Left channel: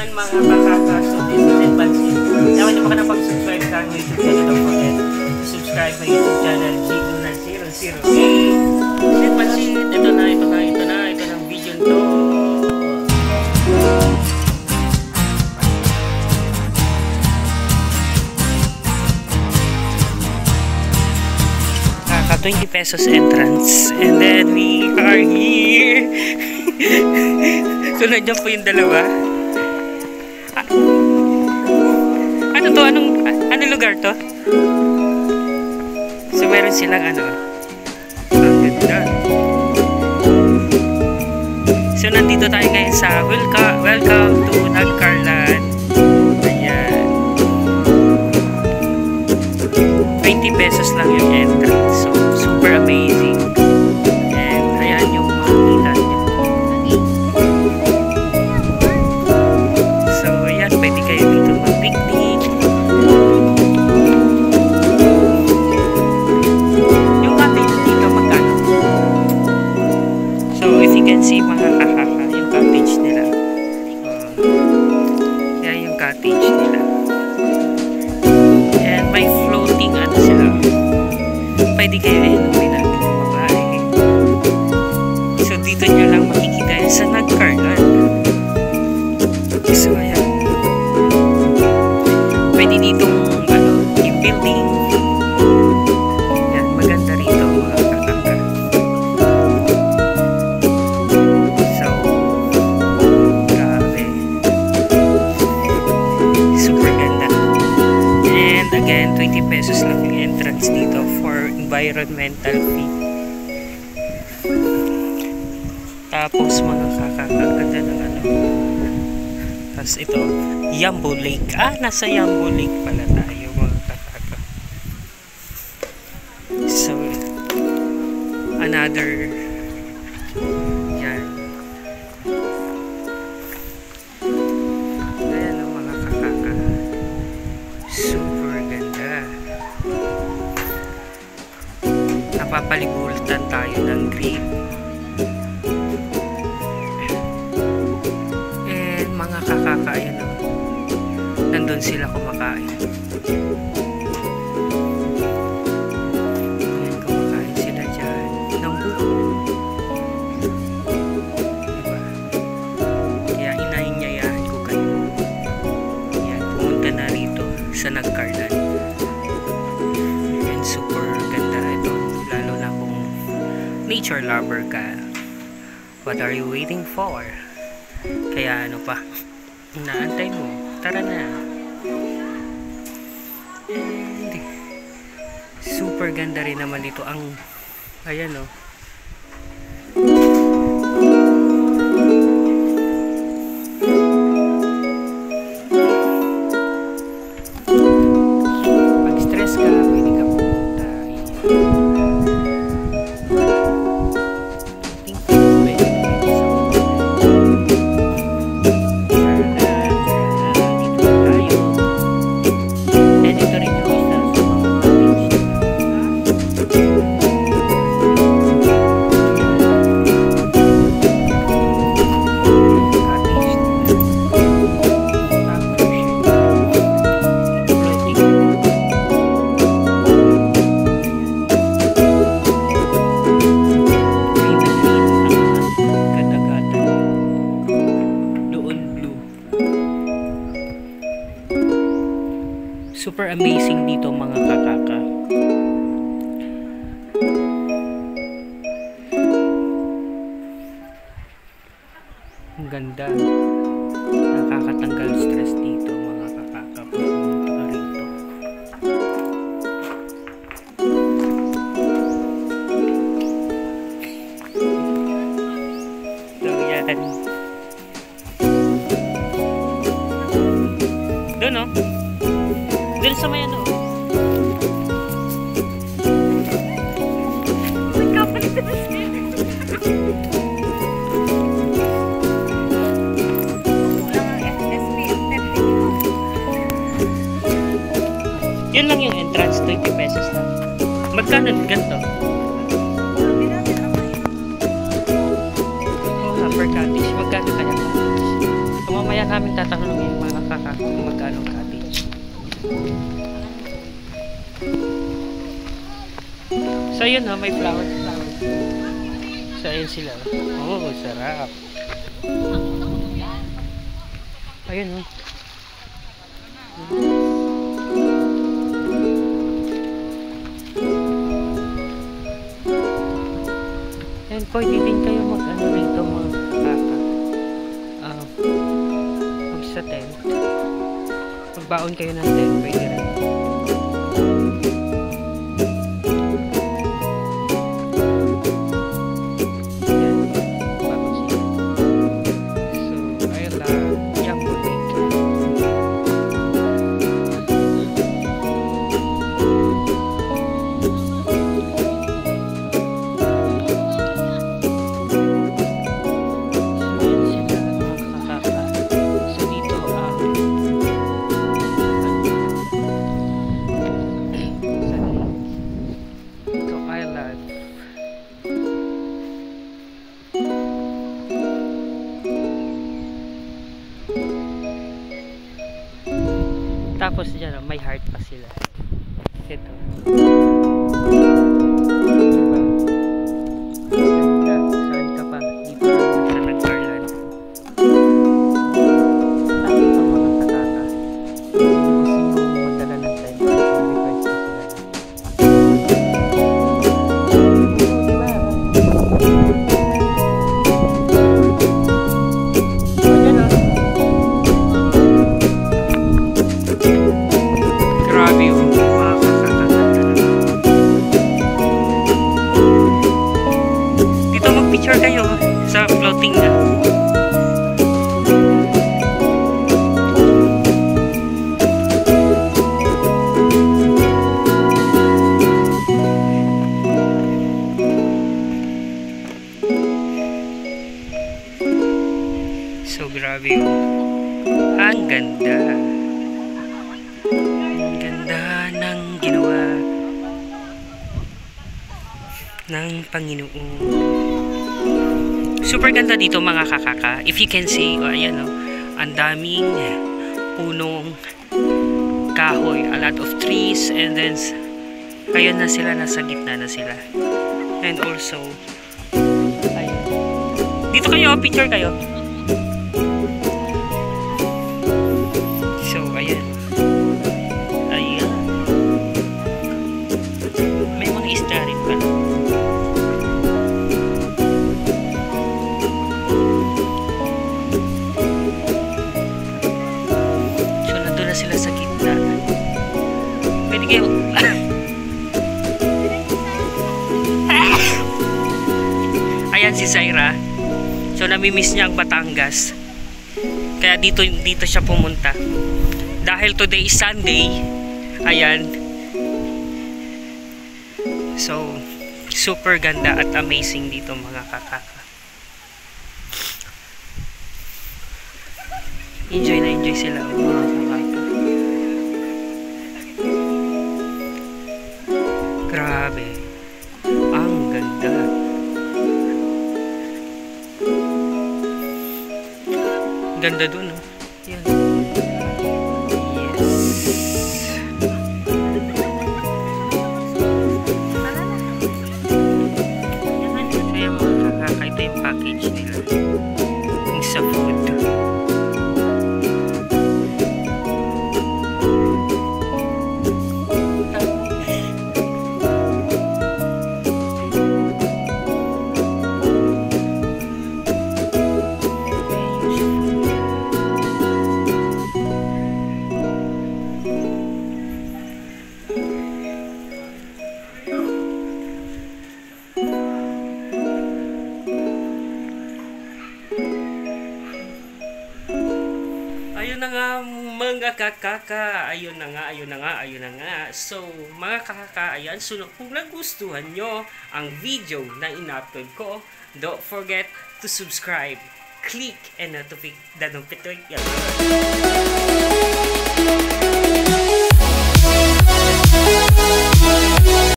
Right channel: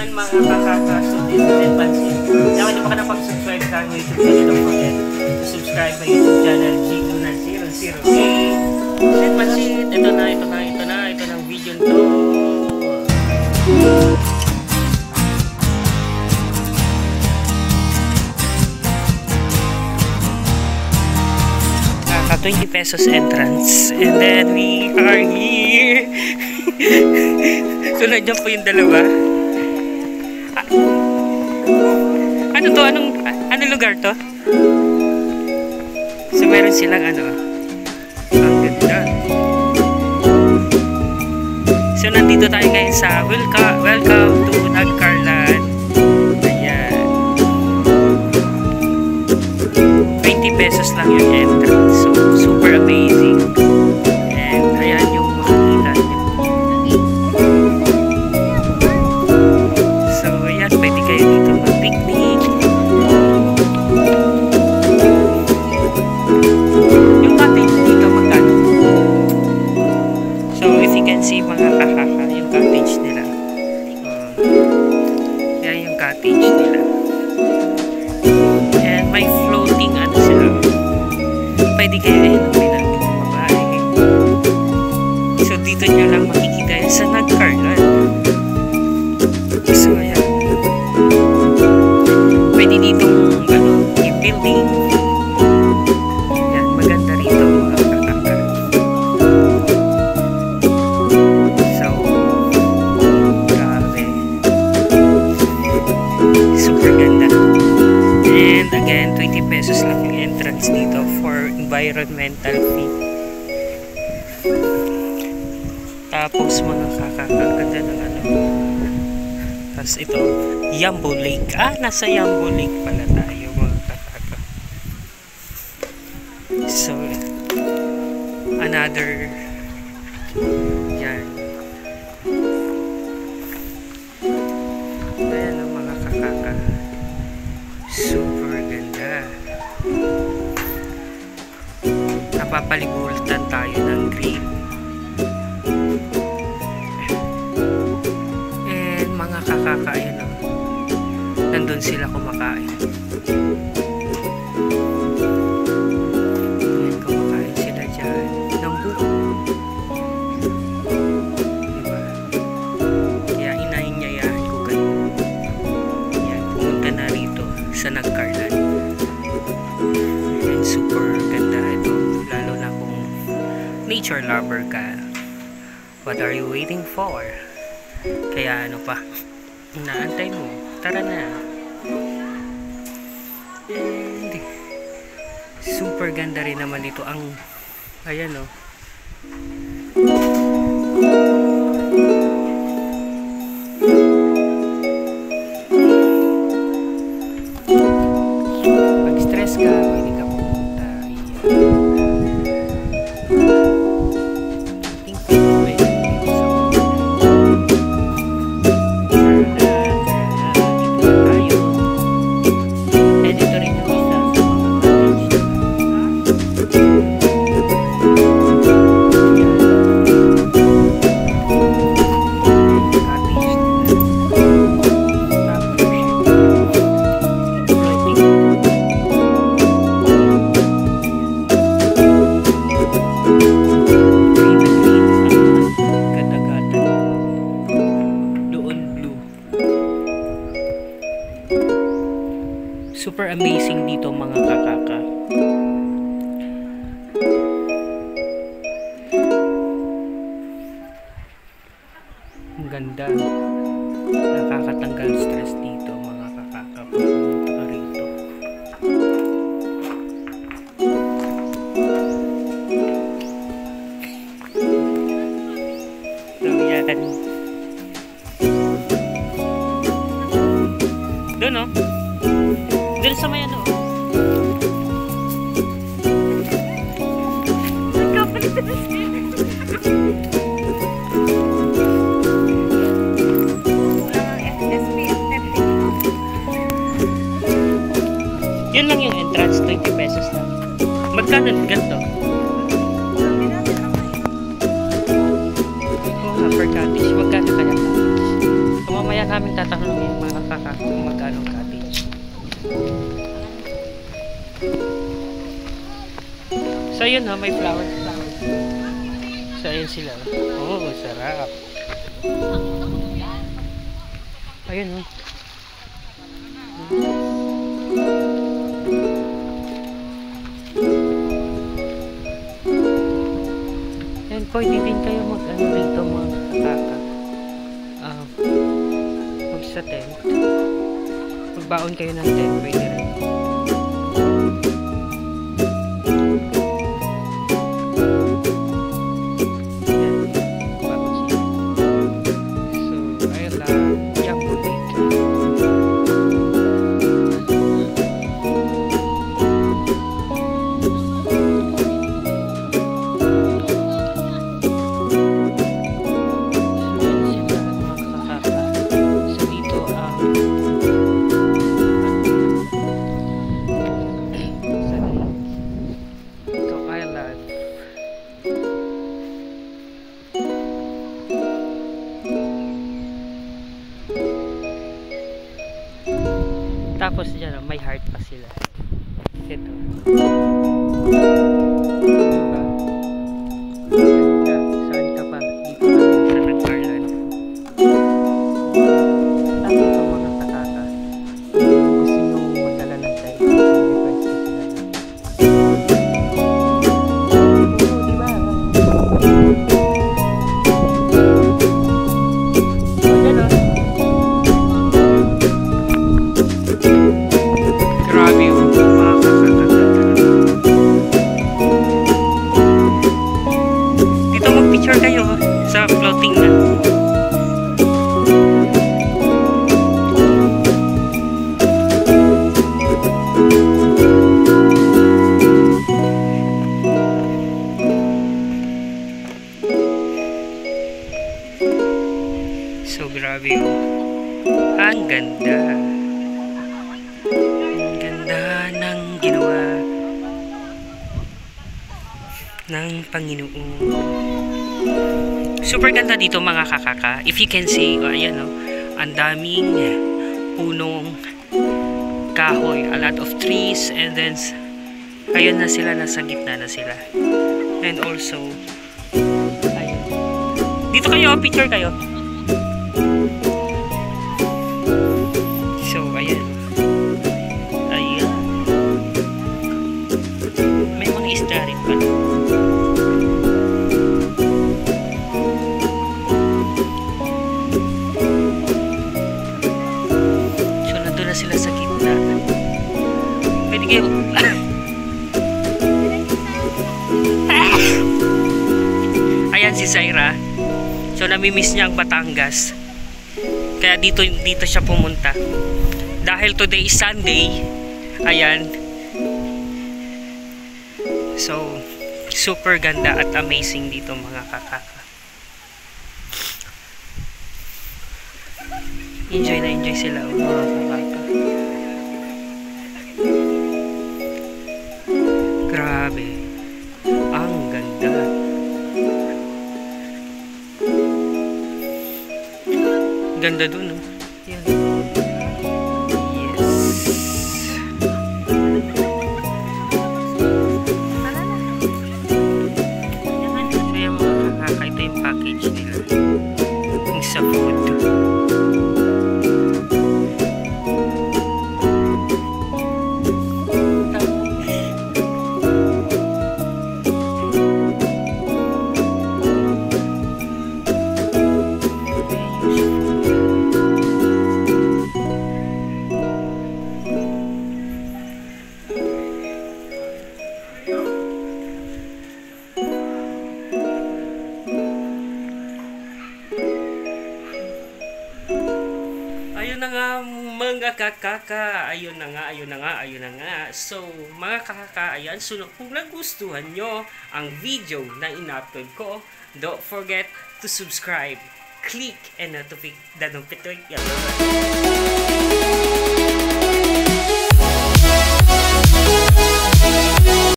Mga kakaka-student pansin. Kaya hindi pa ka napag-subscribe sa aking YouTube channel, don't forget to subscribe my YouTube channel, G000A. Student pansin, ito na ang video nito. Kaka 20 pesos entrance. And then we are here. So nandiyan po yung dalawa. Ano to? Anong lugar to? So meron silang ang ganda. So nandito tayo ngayon sa welcome to Nagcarlan. Ayan. 20 pesos lang yung entrance. So super amazing. And ayan yung makikita nyo. So ayan, pwede kayo dito mag-picnic. Yung cottage dito magkano? So if you can see mga kakaka, yung cottage nila. Yan yung cottage nila. And may floating sila. Pwede kayo inumin ng babae. So dito nyo lang makikita yan sa Nagcarlan. So ayan. Pwede ditong yung building. Yan, maganda rito mga kakaka. So grabe. Super ganda. And again, 20 pesos lang yung entrance dito for environmental fee. Tapos mga kakakaganda ng tapos ito, Yambo Lake. Nasa Yambo Lake pala tayo mga kakaka. So another yan. Ayan mga kakaka. Super ganda. Napapaligutan tayo ng green. And mga kakaka, ayan nandun sila kumakain. Ayan, kumakain sila dyan ng buko. Diba? Kaya inainyayahan ko kayo. Ayan, pumunta na rito sa Nagcarlan. And super ganda ito. Lalo na kung nature lover ka. What are you waiting for? Kaya ano pa? Inaantay mo. Tara na. And super ganda rin naman dito ang ayan pag stress ka, pwede ka pumunta. Super amazing dito mga kakaka. Ang ganda. Nakakatanggal stress dito mga kakaka pag pumunta ka rito. So yan. Doon doon sa may nagkapalit na siya. Kulang ang SPF 30. Yun lang yung entrance, 20 pesos lang. Magkano ganito? Oo nga, per cottage. Magkano kaya cottage? So mamaya namin tatanungin mga kaka kung magkano ang cottage. So yun ha, may flowers. So ayun sila. Oh, sarap. Ayun oh. And pwede din kayo mag-ano rito mga kaka. Mag sa tent. Magbaon kayo ng tent, pwede rin. Yan, baon sila. So, ayun lang, Yapo Lake. Tapos dyan, may heart pa sila. Ito. Diba? Ganda. Saan ka pa? Dito lang yung sa nag-garland. Tapos ito mga katata. Kung gusto nyo magdala ng time, request ko sila. Diba? Grabe yung mga kakaganda. Dito mag-picture kayo sa floating na. So grabe yung ang ganda. Ng ginawa ng Panginoon. Super ganda dito mga kakaka. If you can see, ayan o, ang daming punong kahoy, a lot of trees, and then ayun na sila, nasa gitna na sila. And also ayun. Dito kayo, picture kayo. So ayan. Isda rin pala. So nandun na sila sa gitna. Pwede kayo ayan si Zaira. So namimiss niya ang Batangas. Kaya dito siya pumunta. Dahil today is Sunday. Ayan. So, super ganda at amazing dito mga kakaka. Enjoy na enjoy sila mga kakaka. Grabe. Ang ganda. Ganda dun, oh. Yan. Ito yung package nila yung sa food. Ayun na nga mga kakaka, ayun na nga. So mga kakaka, ayan, so kung nagustuhan nyo ang video na in-upload ko, don't forget to subscribe, click and the notification.